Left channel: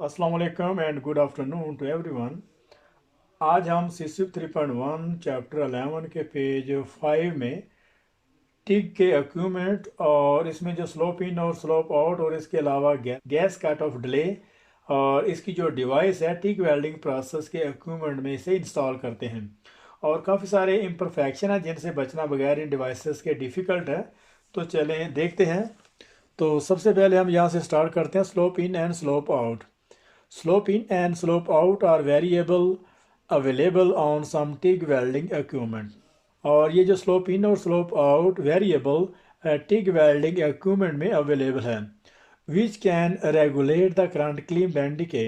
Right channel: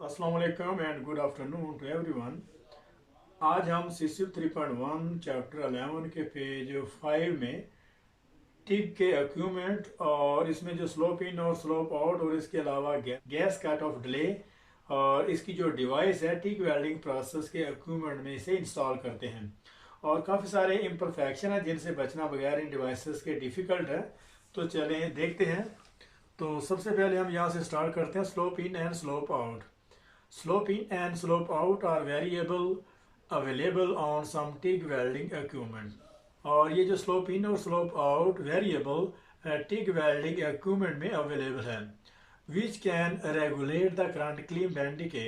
अस्सलाम वालेकुम and good afternoon to everyone. आज हम सीसीप 3.1 चैप्टर 11 के पेज 5 में टिग के अक्यूमेंट और इसमें जो स्लोप इन और स्लोप आउट और इसके अलावा गैस कट ऑफ डिले और इसकी जो डिवाइस है टिग वेल्डिंग प्रोसेस के अक्यूमेंट में इसे इंस्टॉल करते हैं। और काफ़ी सारे इम्परफेक्शन है जिनसे बचना बगैर इन डिवाइसेस के डिफ़िकल्ट है। तो चलें देखते हैं। तो सबसे पहले हम यहाँ से स्टार्ट करते हैं slope in and slope out. Slope in and slope out are variable available on some TIG welding equipment। और ये जो स्लोप इन और slope out variable TIG welding equipment में अवेलेबल है which can regulate the current clean band के।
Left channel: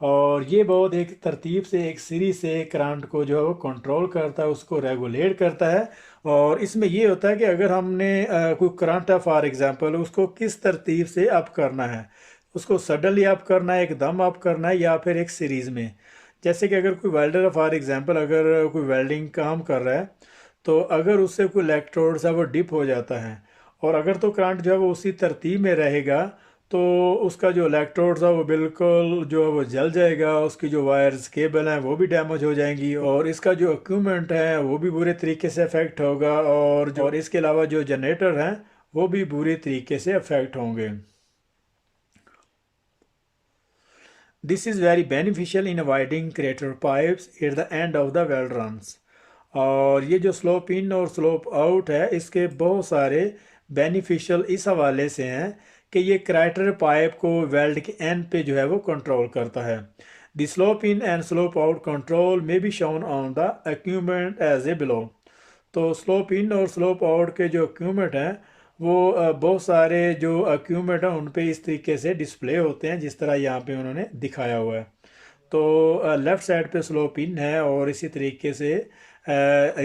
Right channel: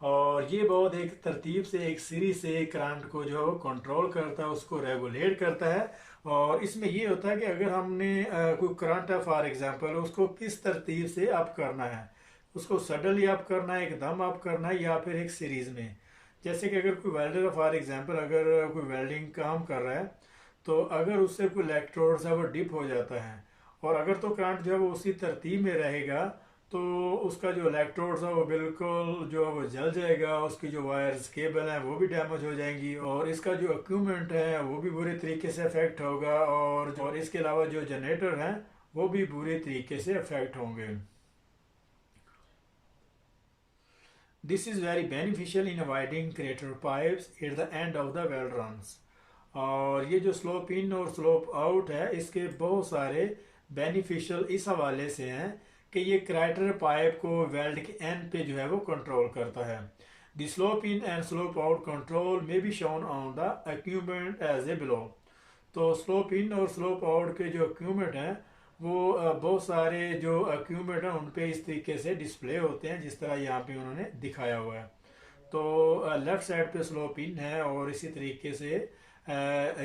और ये बहुत एक तरतीब से एक सीरीज से करंट को जो है वो कंट्रोल करता है, उसको रेगुलेट करता है। और इसमें ये होता है कि अगर हमने कोई करंट है फॉर एग्जांपल, उसको किस तरतीब से अप करना है, उसको सडनली अप करना है, एकदम अप करना है, या फिर एक सीरीज़ में। जैसे कि अगर कोई वेल्डर है फॉर एग्जांपल, अगर कोई वेल्डिंग काम कर रहा है तो अगर उससे कोई इलेक्ट्रोड्स है वो डिप हो जाता है, और अगर तो करंट जो है वो उसी तरतीब में रहेगा तो उसका जो इलेक्ट्रोड्स है वो बिल्कुल जो है वो जल जाएगा, उसकी जो वायर्स केबल हैं वो भी डैमेज हो जाएंगी, और इसका जो इक्विपमेंट है वो भी बुरे तरीके से अफेक्ट होगा, और इसके अलावा जो जनरेटर हैं वो भी बुरे तरीके से अफेक्ट होंगे। This is very beneficial in avoiding crater pipes at the end of the weld runs। और ये जो स्लोप इन और स्लोप आउट है इसके बहुत सारे बेनिफिशियल इस हवाले से हैं कि ये क्राइटर पाइप को वेल्ड के एंड पे जो है वो कंट्रोल करता है। The slope in and slope out control में be shown on the equipment as a below. तो स्लोप इन और स्लोप आउट के जो इक्विपमेंट हैं वो बहुत सारे जो इक्विपमेंट हैं उन पे इस तरीके से डिस्प्ले होते हैं जिस तरह यहाँ पे उन्होंने दिखाया हुआ है। तो लेफ़्ट साइड पे स्लोप इन है और इसी तरीके से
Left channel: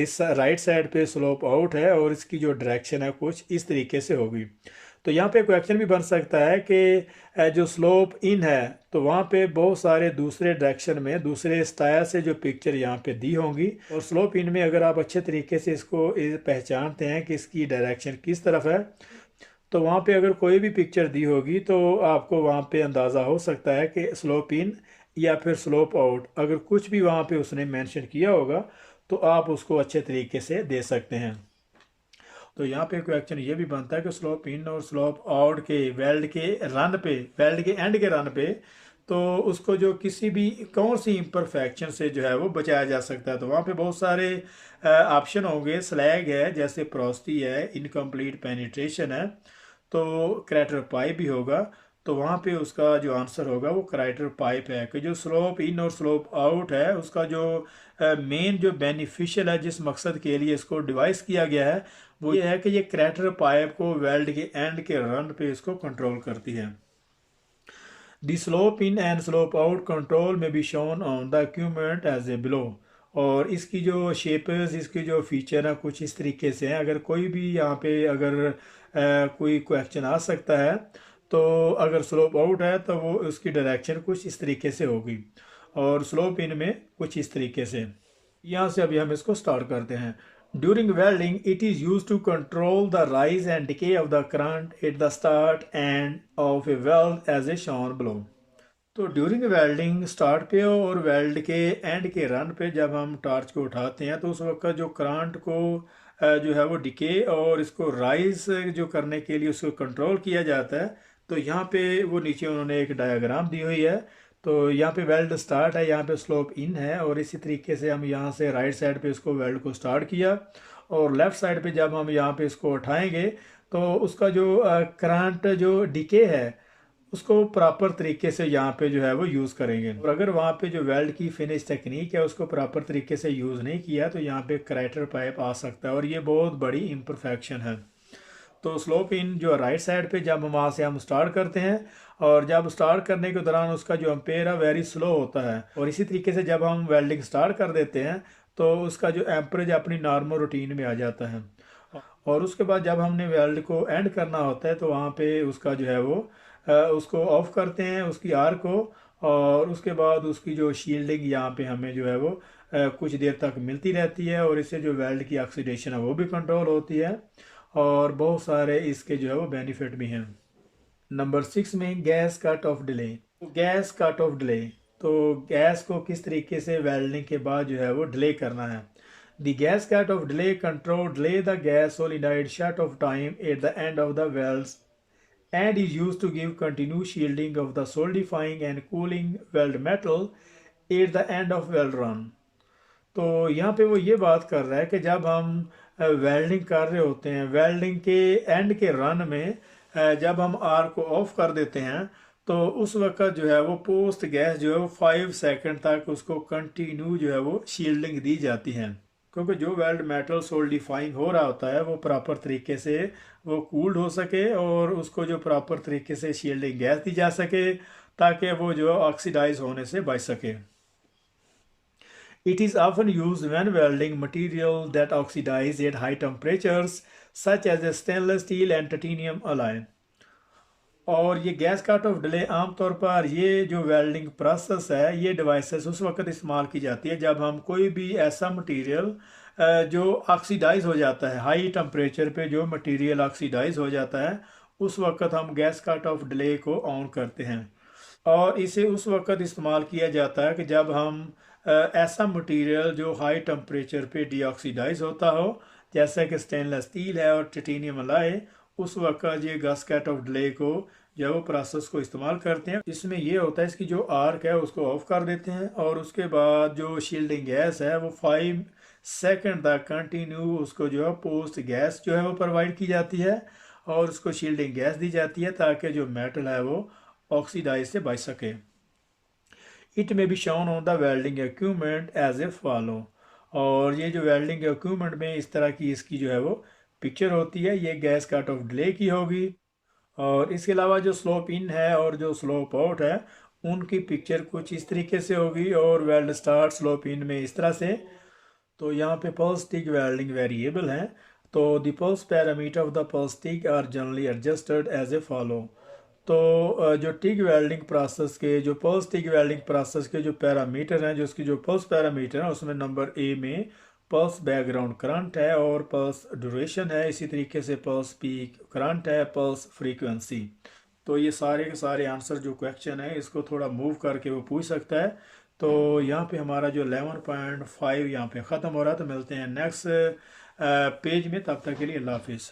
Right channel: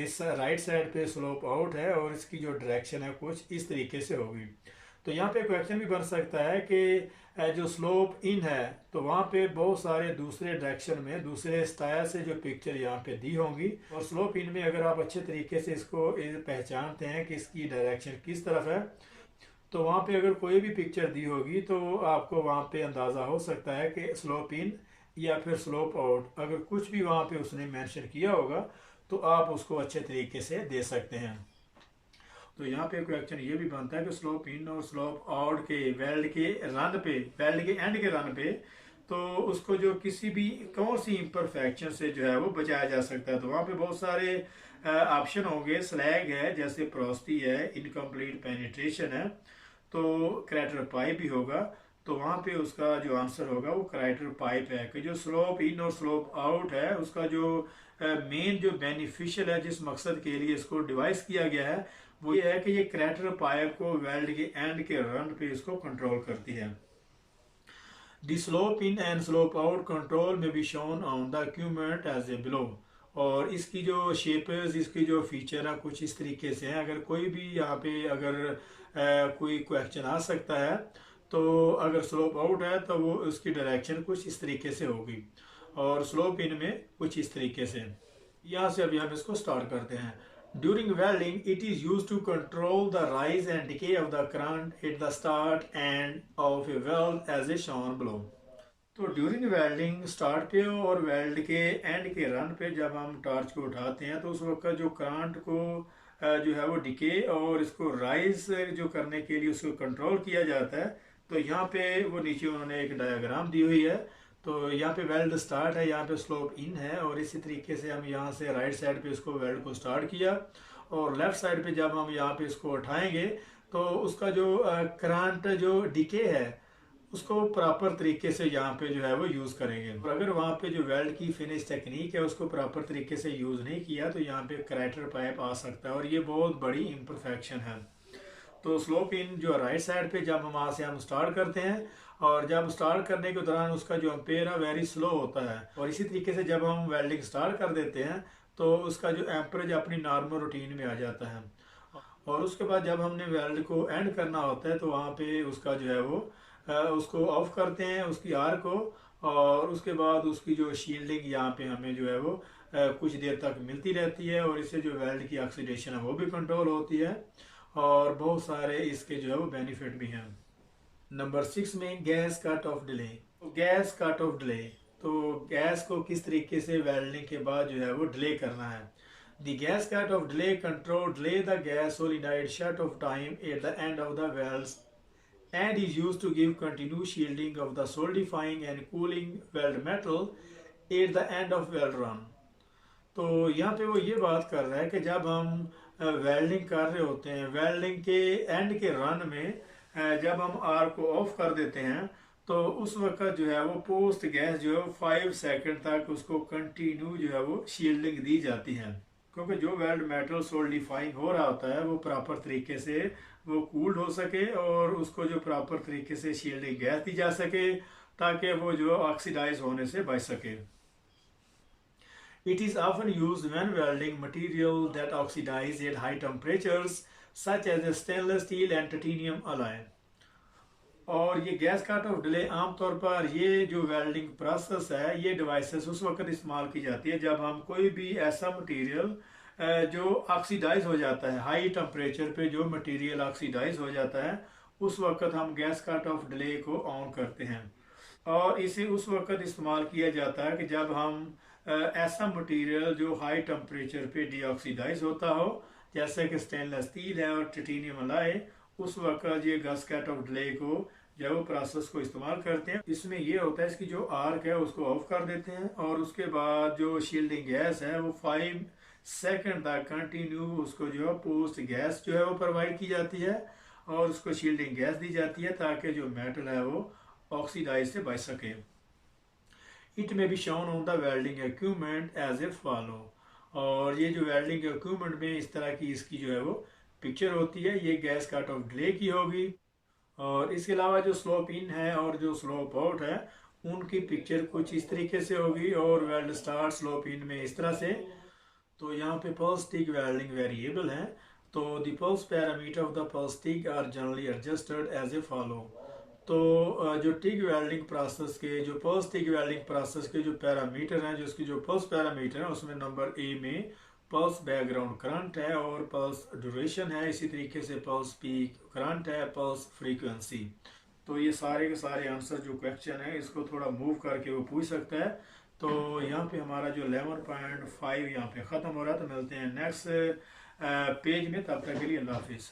इस राइट साइड पे स्लोप आउट है, और इसकी जो डायरेक्शन है कुछ इस तरीके से होगी। तो यहाँ पे क्वेश्चन भी बन सकता है कि जो स्लोप इन है तो वहाँ पे बहुत सारे दूसरे डायरेक्शन में दूसरे स्टाइल से जो पिक्चर यहाँ पे दी होंगी, और स्लोप इन में अगर आप अच्छे तरीके से इसको पहचानते हैं कि इसकी डायरेक्शन किस तरफ है, तो वहाँ पे अगर कोई भी पिक्चर दी होगी तो आपको वहाँ पे अंदाज़ा हो सकता है कि स्लोप इन या फिर स्लोप आउट, अगर कुछ भी वहाँ पे उसने मेंशन किया होगा तो आप उसको अच्छे तरीके से दे सकते हैं। तो यहाँ पे क्वेश्चन ये भी बनता है कि स्लोप इन और स्लोप आउट के वेल्ड के रन पे, वेल्ड के एंड के रन पे, तो उसको जो किसी भी कौन सी इम्परफेक्शन से जो है वो बचाया जा सकता है। तो वहाँ पे बहुत सारे ऑप्शन होंगे। स्लैग है, जैसे प्रोस्टी है, इनकम्प्लीट पेनिट्रेशन है, तो क्रैटर पाइप भी होगा। तो वहाँ पे उसका जो आंसर होगा वो क्राइटर पाइप है कि जो स्लोप इन और स्लोप आउट है उसका जो मेन जो बेनिफिशियल है, जिस मकसद के लिए इसको डिवाइस किया गया है, वो ये है कि ये क्रैटर पाइप को वेल्ड के एंड के रन पे इसको कंट्रोल करती है। The slope in and slope out control में be shown on the equipment as a below. और इसकी जो शेपर्स, इसकी जो फीचर है कुछ इस तरीके से हैं। अगर कोई भी यहाँ पे अगर कोई क्वेश्चन आ सकता है तो अगर स्लोप आउट है तो वो उसकी डायरेक्शन कुछ इस तरीके से होगी, और स्लोप इन में कुछ इस तरीके से। यहाँ से अभी हम इसको स्टार्ट करते हैं। During welding it is use to control the rise and decay of the current at the start end of a weld as a shown below. तो ड्यूरिंग वेल्डिंग स्टार्ट पे और वेल्ड के एंड के run पे जब हम torch को उठाते हैं तो उस वक्त जो करंट को जो है वो डिके और इसको राइज जो करने के लिए उसको कंट्रोल किया जाता है। तो यहाँ पे वो नीचे उन्होंने एक डायग्राम दी हुई है। तो यहाँ पे वेल्ड स्टार्ट है, यहाँ पे स्लोप इन है, और इसी तरीके से हम यहाँ से राइट साइड पे इसको वेल्ड को स्टार्ट किया, और लेफ्ट साइड पे जब हम यहाँ पे इसको उठाएंगे तो उसका जो करंट जो डिके है उसको प्रॉपर तरीके से यहाँ पे जो है वो यूज़ करेंगे। और अगर वहाँ पे जो वेल्ड की फिनिश टेक्निक है उसको प्रॉपर तरीके से यूज़ नहीं किया तो यहाँ पे क्रैटर पाइप आ सकता है, और ये बहुत बड़ी इम्परफेक्शन है। तो स्लोप इन जो राइट साइड पे जब वहाँ से हम स्टार्ट करते हैं, और जब स्टार्ट करने के दौरान उसका जो एम्पेयर है वेरी स्लो होता है, और इसी तरीके से जब हम वेल्डिंग स्टार्ट कर देते हैं तो उसका जो एम्परेज अपनी नॉर्मल रूटीन में आ जाता है। और उसके बाद जब हमने वेल्ड को एंड करना होता है तो वहाँ पे उसका जो है वो उसको ऑफ करते हैं उसकी आर को, और उसके बाद उसकी जो शील्डिंग यहाँ पे हमें जो है वो कुछ देर तक मिलती रहती है, और इससे जो वेल्ड की ऑक्सीडेशन है वो भी कंट्रोल होती है, और बहुत सारे इसके जो है वो बेनिफिट भी हैं। नंबर 6 में gas cut off delay. Gas cut off delay, तो गैस को किस तरीके से वेल्डिंग के बाद जो है वो डिले करना है। The gas cut off delay control delay the gas solenoid shut off time at the end of the welds and is used to give continuous shielding of the solidifying and cooling weld metal at the end of weld run। तो यहाँ पे वो ये बात कर रहा है कि जब हम वेल्डिंग कर रहे होते हैं, वेल्डिंग के एंड के रन में जब हम आर को ऑफ कर देते हैं तो उस वक्त जो है वो पोस्ट गैस जो है वो 5 सेकंड तक उसको कंटिन्यू जो है वो शील्डिंग दी जाती है, क्योंकि जो वेल्ड मेटल सोल्डिफाइंग हो रहा होता है वो प्रॉपर तरीके से वो कूल्ड हो सके और उसको जो प्रॉपर तरीके से शील्डिंग गैस दी जा सके ताकि वो जो ऑक्सीडाइज होने से बच सके। It is often used when welding material that oxidize at high temperatures such as a stainless steel and titanium alloy। और ये गैस कट ऑफ डिले आमतौर पर ये जो वेल्डिंग प्रोसेस है ये डिवाइसेस उस वक्त इस्तेमाल की जाती है जब हम कोई भी ऐसा मटेरियल जो ऑक्सीडाइज हो जाता है, हाई टेम्परेचर पे जो मटेरियल ऑक्सीडाइज हो जाता है उस वक्त हम गैस कट ऑफ डिले को ऑन करते हैं। और इसे उस वक्त इस्तेमाल किया जाता है कि जब हम ऐसा मटेरियल जो हाई टेम्परेचर पे डीऑक्सीडाइज होता हो, जैसे कि स्टेनलेस स्टील है और टिटेनियम अलाय, उस वक्त ये गैस कट ऑफ डिले को जो वो प्रोसेस को इस्तेमाल करते हैं। इसमें ये होता है इसकी जो आर्क है उसको ऑफ कर देते हैं और उसके बाद जो शील्डिंग गैस है वो 5 सेकंड तक कंटिन्यू उसको जो है पोस्ट गैस जो है वो प्रोवाइड की जाती है और उसको शील्डिंग गैस दी जाती है ताकि जो मेटल है वो ऑक्सीडाइज से बच सके। It may be shown on the welding equipment as a follow. और ये जो वेल्डिंग इक्विपमेंट में इस तरह की इसकी जो है वो पिक्चर होती है, ये गैस कट ऑफ डिले की होगी। और इसके अलावा जो स्लोप इन है और जो स्लोप आउट है उनकी पिक्चर कुछ इस तरीके से होगी और वेल्ड स्टार्ट स्लोप इन में इस तरह से। तो यहाँ पे पल्स टिक वेल्डिंग वेरिएबल हैं, तो the pulse parameter of the pulse TIG are generally adjusted as a follow. तो जो टिक वेल्डिंग प्रोसेस के जो पल्स टिक वेल्डिंग प्रोसेस के जो पैरामीटर हैं, जो उसकी जो पल्स पैरामीटर है उसमें नंबर ए में पल्स बैकग्राउंड करंट है और पल्स ड्यूरेशन है, इसी तरीके से पल्स पीक करंट है, पल्स फ्रीक्वेंसी। तो ये सारे के सारे आंसर जो क्वेश्चन है इसको थोड़ा मूव करके वो पूछ सकता है। तो यहाँ पे हमारा जो 11.5 यहाँ पे ख़त्म हो रहा है। तो मिलते हैं नेक्स्ट पेज में, तब तक के लिए अल्लाह हाफिज़।